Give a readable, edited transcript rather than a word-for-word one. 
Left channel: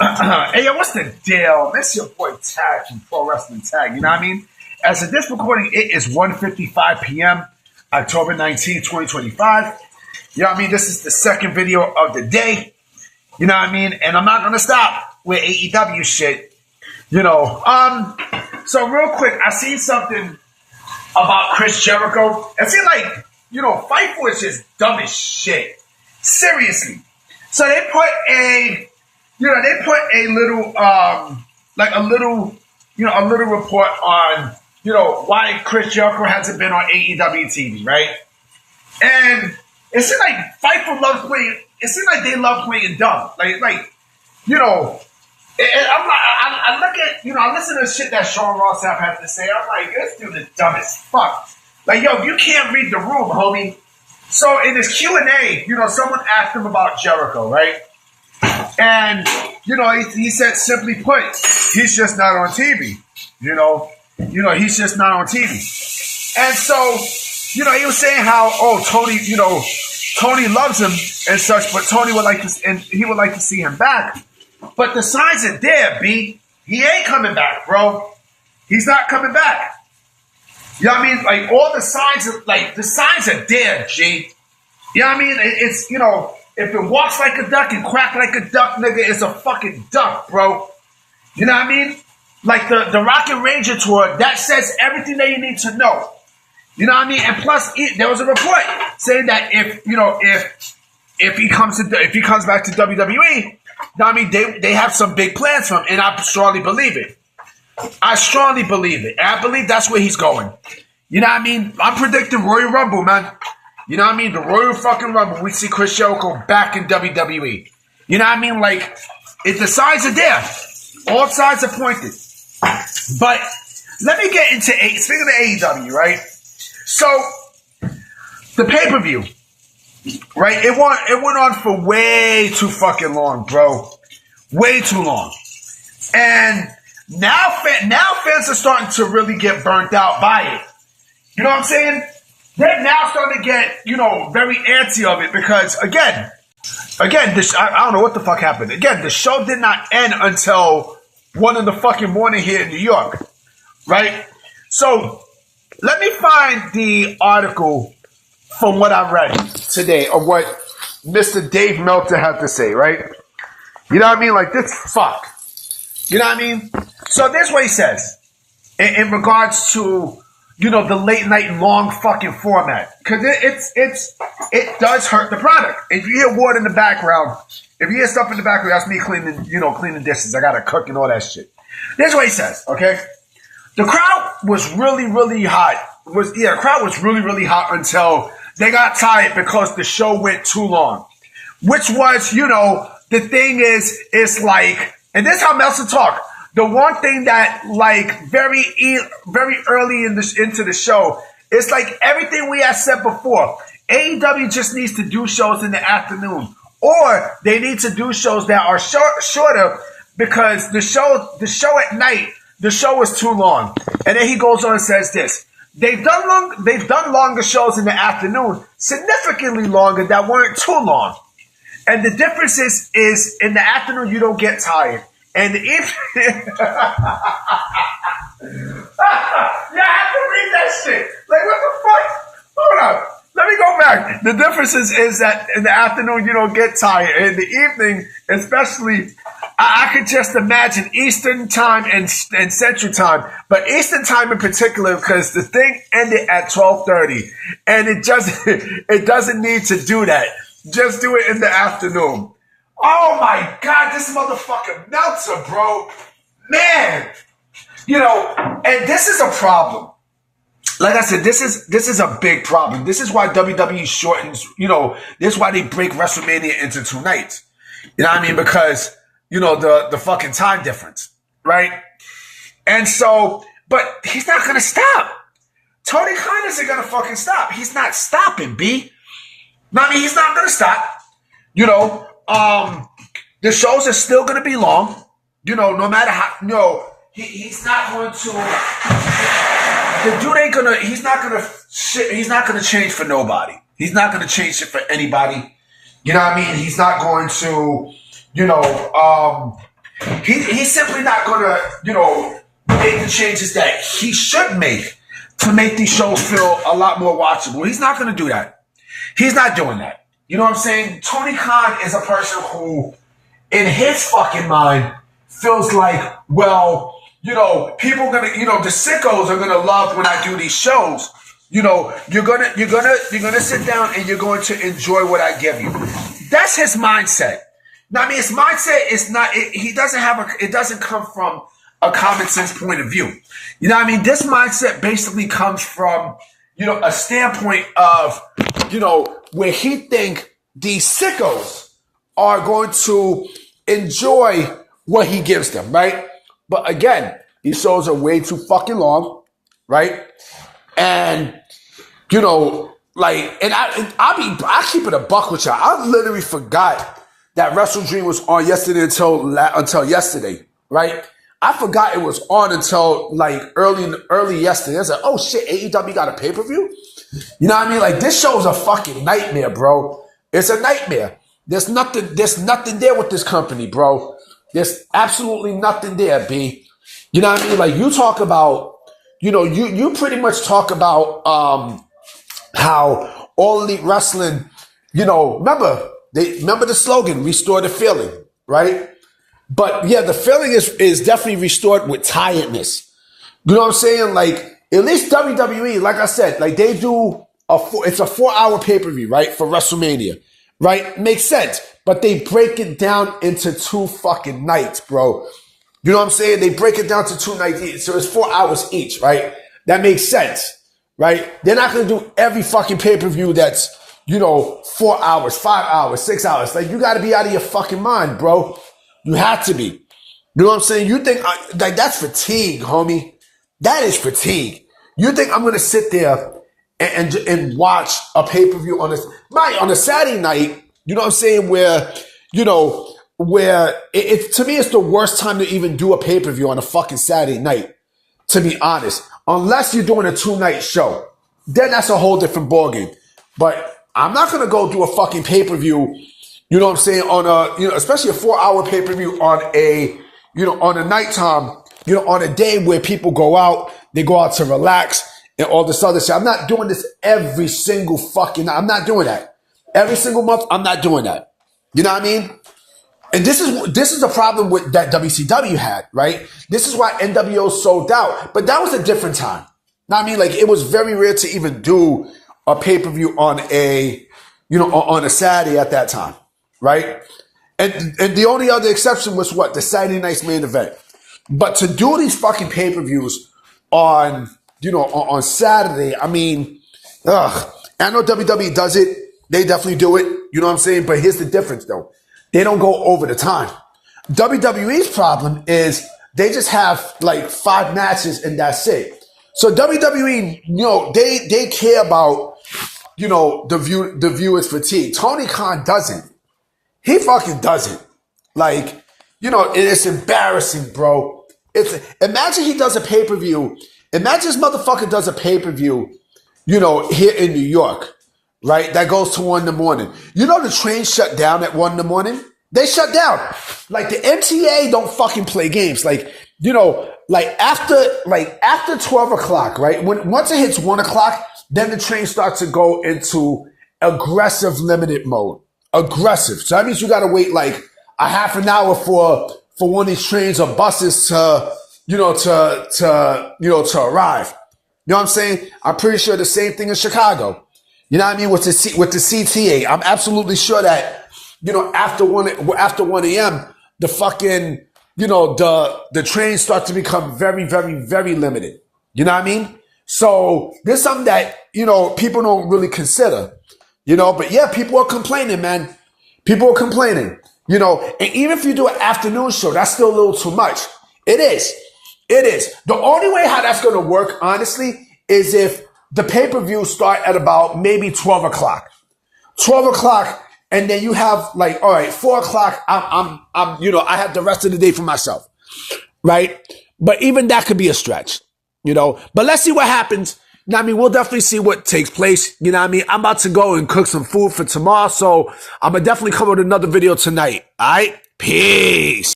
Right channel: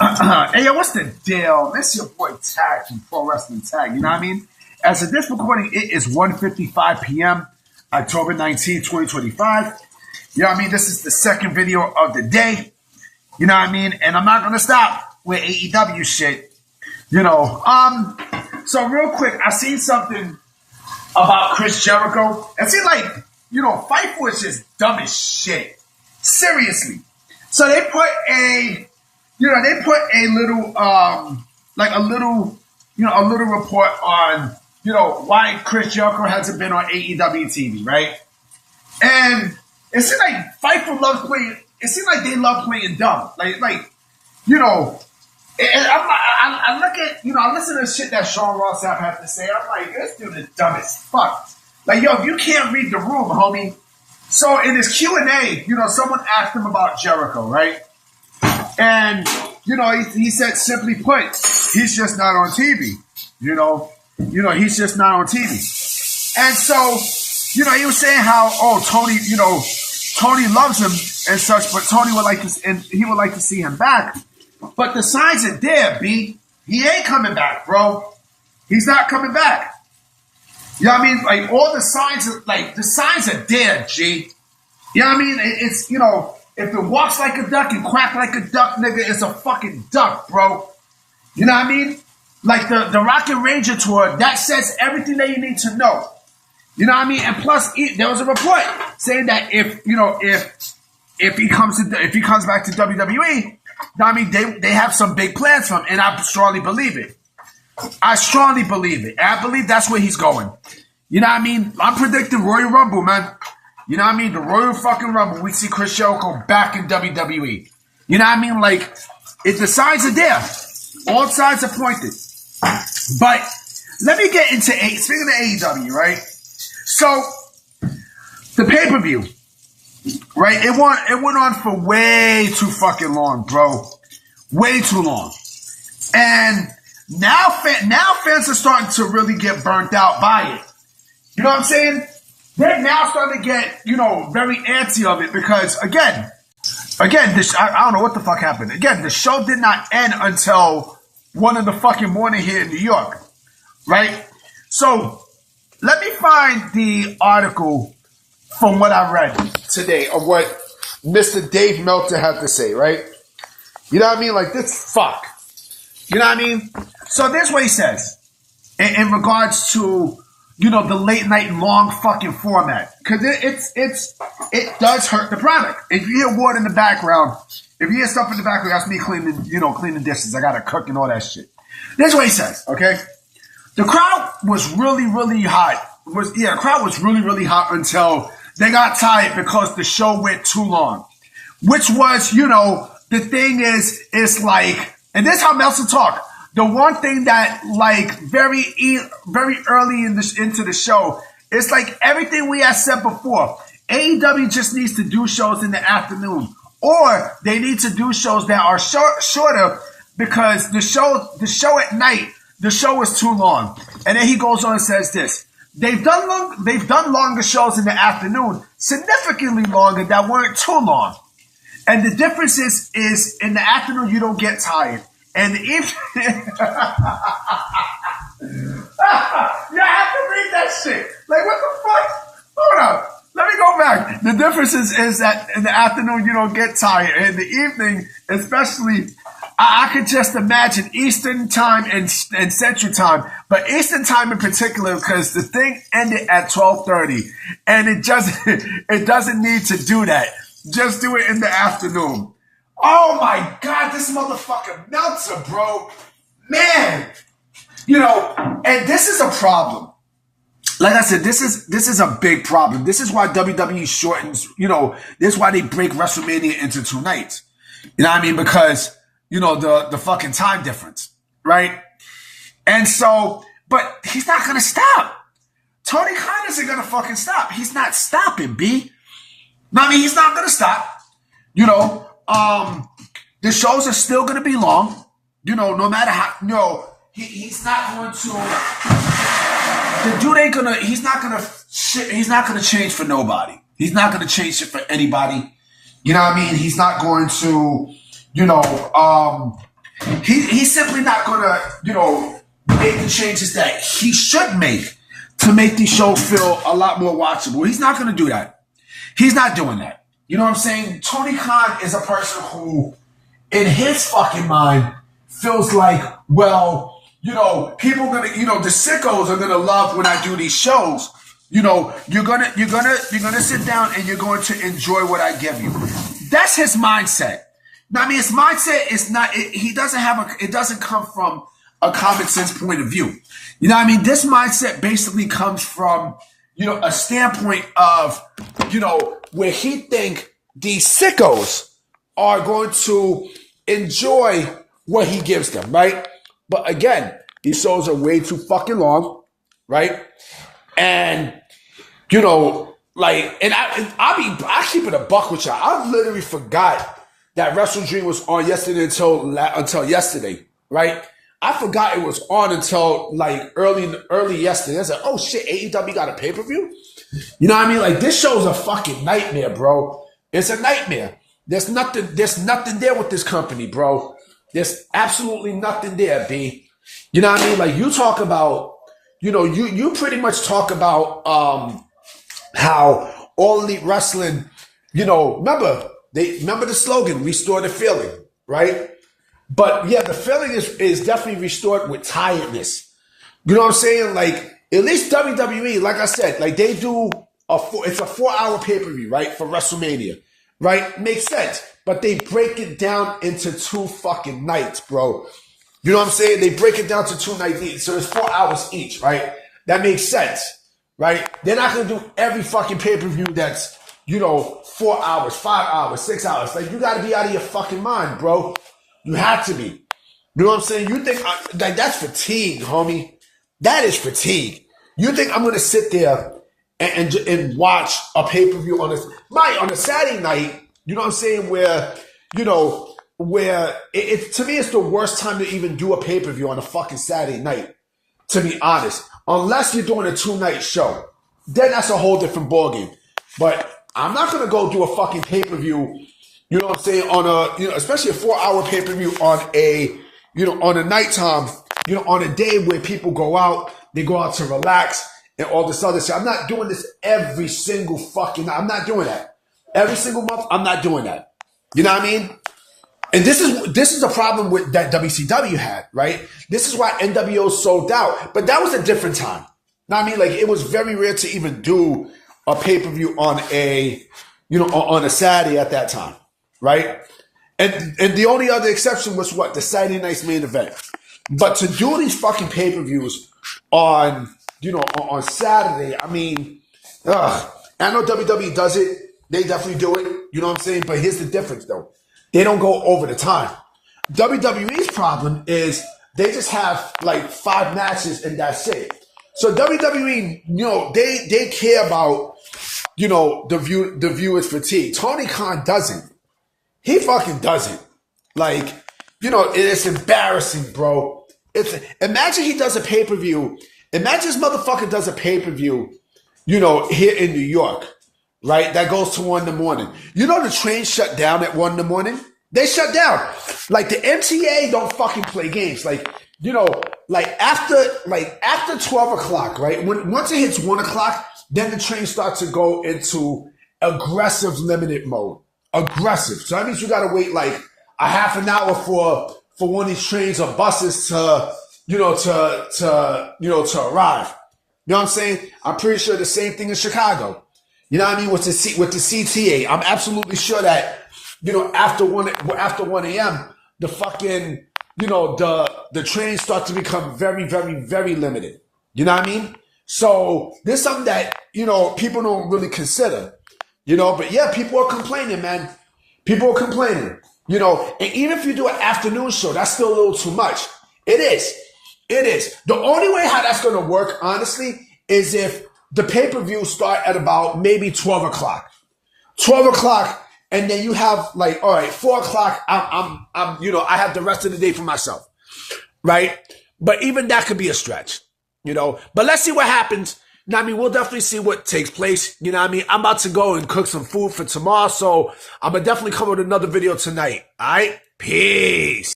Hey, yo, what's the deal? This your boy Tag from Pro Wrestling Tag. You know what I mean? As of this recording, it is 1:55 p.m., October 19th, 2025. You know what I mean? This is the second video of the day. You know what I mean? And I'm not going to stop with AEW shit. You know, so real quick, I seen something about Chris Jericho. It seemed like, Fightful is just dumb as shit. Seriously. So they put a little, a little report on, why Chris Jericho hasn't been on AEW TV, right? And it seemed like Fightful loves playing. It seemed like they love playing dumb, And I look at, I listen to the shit that Sean Ross Sapp has to say. I'm like, this dude is dumb as fuck. Like, yo, you can't read the room, homie. So in his Q&A, someone asked him about Jericho, right? And, he said, simply put, he's just not on TV. He's just not on TV. And so, he was saying how, Tony, Tony loves him and such, but Tony would like to, and he would like to see him back. But the signs are there, B. He ain't coming back, bro. He's not coming back. You know what I mean? Like, all the signs are there, G. You know what I mean? It's, if it walks like a duck and quack like a duck, nigga, it's a fucking duck, bro. You know what I mean? Like the Rocket Ranger tour, that says everything that you need to know. You know what I mean? And plus, there was a report saying that if he comes back to WWE, I mean, they have some big plans for him, and I strongly believe it. I strongly believe it. And I believe that's where he's going. You know what I mean? I'm predicting Royal Rumble, man. You know what I mean? The Royal fucking Rumble. We see Chris Jericho back in WWE. You know what I mean? Like, the signs are there. All signs are pointed. But let me get into speaking of AEW, right? So, the pay-per-view. Right, it went on for way too fucking long, bro. Way too long, and now fans are starting to really get burnt out by it. You know what I'm saying? They're now starting to get very antsy of it because again, I don't know what the fuck happened. Again, the show did not end until 1 in the fucking morning here in New York, right? So let me find the article from what I read today of what Mr. Dave Meltzer had to say, right? You know what I mean? Like, this fuck. You know what I mean? So this is what he says in regards to, the late night long fucking format. Because it does hurt the product. If you hear water in the background, if you hear stuff in the background, that's me cleaning dishes. I gotta cook and all that shit. This is what he says, okay? The crowd was really, really hot. The crowd was really, really hot until they got tired because the show went too long. Which was, the thing is, it's like, and this is how Meltzer talk. The one thing that, like, very early into the show, it's like everything we had said before. AEW just needs to do shows in the afternoon. Or they need to do shows that are shorter because the show at night, the show is too long. And then he goes on and says this. They've done longer shows in the afternoon, significantly longer that weren't too long. And the difference is in the afternoon you don't get tired. And the evening you have to read that shit. Like, what the fuck? Hold up. Let me go back. The difference is that in the afternoon you don't get tired. In the evening, especially, I could just imagine Eastern time and Central time, but Eastern time in particular, because the thing ended at 12:30, and it doesn't need to do that. Just do it in the afternoon. Oh my God, this motherfucker Meltzer, bro, man. And this is a problem. Like I said, this is a big problem. This is why WWE shortens. This is why they break WrestleMania into 2 nights. You know what I mean? Because the fucking time difference, right? And so, but he's not going to stop. Tony Khan isn't going to fucking stop. He's not stopping, B. No, I mean, he's not going to stop. The shows are still going to be long. No matter how, he's not going to, the dude ain't going to, he's not going to change for nobody. He's not going to change it for anybody. You know what I mean? He's not going to, He's simply not going to, make the changes that he should make to make these shows feel a lot more watchable. He's not going to do that. He's not doing that. You know what I'm saying? Tony Khan is a person who, in his fucking mind, feels like, well, people are gonna, the sickos are gonna love when I do these shows. You're gonna sit down and you're going to enjoy what I give you. That's his mindset. Now, I mean, his mindset is not. It doesn't come from a common sense point of view. You know what I mean? This mindset basically comes from, a standpoint of, where he think these sickos are going to enjoy what he gives them, right? But again, these shows are way too fucking long, right? And, I keep it a buck with y'all. I literally forgot that Wrestle Dream was on yesterday until yesterday, right? I forgot it was on until early yesterday. I was like, oh shit, AEW got a pay-per-view? You know what I mean? Like, this show is a fucking nightmare, bro. It's a nightmare. There's nothing there with this company, bro. There's absolutely nothing there, B. You know what I mean? Like, you talk about, you pretty much talk about how All Elite Wrestling, remember the slogan, restore the feeling, right? But yeah, the feeling is definitely restored with tiredness. You know what I'm saying? Like, at least WWE, like I said, like they do it's a 4-hour pay-per-view, right? For WrestleMania, right? Makes sense. But they break it down into 2 fucking nights, bro. You know what I'm saying? They break it down to 2 nights each. So it's 4 hours each, right? That makes sense, right? They're not going to do every fucking pay-per-view that's, 4 hours, 5 hours, 6 hours. Like, you got to be out of your fucking mind, bro. You have to be. You know what I'm saying? You think, that's fatigue, homie. That is fatigue. You think I'm going to sit there and watch a pay-per-view on a Saturday night, you know what I'm saying, where, where to me, it's the worst time to even do a pay-per-view on a fucking Saturday night, to be honest. Unless you're doing a 2-night show. Then that's a whole different ballgame. But I'm not going to go do a fucking pay-per-view, you know what I'm saying, on especially a 4-hour pay-per-view on on a nighttime, on a day where people go out, they go out to relax and all this other shit. I'm not doing this every single fucking night. I'm not doing that. Every single month, I'm not doing that. You know what I mean? And this is a problem with that WCW had, right? This is why NWO sold out. But that was a different time. Know what I mean? Like, it was very rare to even do a pay-per-view on on a Saturday at that time, right? And the only other exception was what? The Saturday night's main event. But to do these fucking pay-per-views on Saturday, I mean, I know WWE does it. They definitely do it. You know what I'm saying? But here's the difference, though. They don't go over the time. WWE's problem is they just have like 5 matches and that's it. So WWE, they care about, the viewer's fatigue. Tony Khan doesn't. He fucking doesn't. Like, it's embarrassing, bro. Imagine he does a pay-per-view. Imagine this motherfucker does a pay-per-view, here in New York, right? That goes to 1 in the morning. The trains shut down at 1 in the morning? They shut down. Like, the MTA don't fucking play games. Like, after 12 o'clock, right? Once it hits 1 o'clock, then the train starts to go into aggressive limited mode. Aggressive. So that means you got to wait like a half an hour for one of these trains or buses to arrive. You know what I'm saying? I'm pretty sure the same thing in Chicago. You know what I mean? With the CTA, I'm absolutely sure that, after 1 a.m., the fucking, the trains start to become very, very, very limited. You know what I mean? So there's something that, people don't really consider, but yeah, people are complaining, man. People are complaining, and even if you do an afternoon show, that's still a little too much. It is. It is. The only way how that's going to work, honestly, is if the pay-per-view start at about maybe 12 o'clock. 12 o'clock, and then you have like, all right, 4 o'clock, I'm I have the rest of the day for myself, right? But even that could be a stretch, But let's see what happens. We'll definitely see what takes place. I'm about to go and cook some food for tomorrow, so I'm going to definitely come with another video tonight. All right? Peace.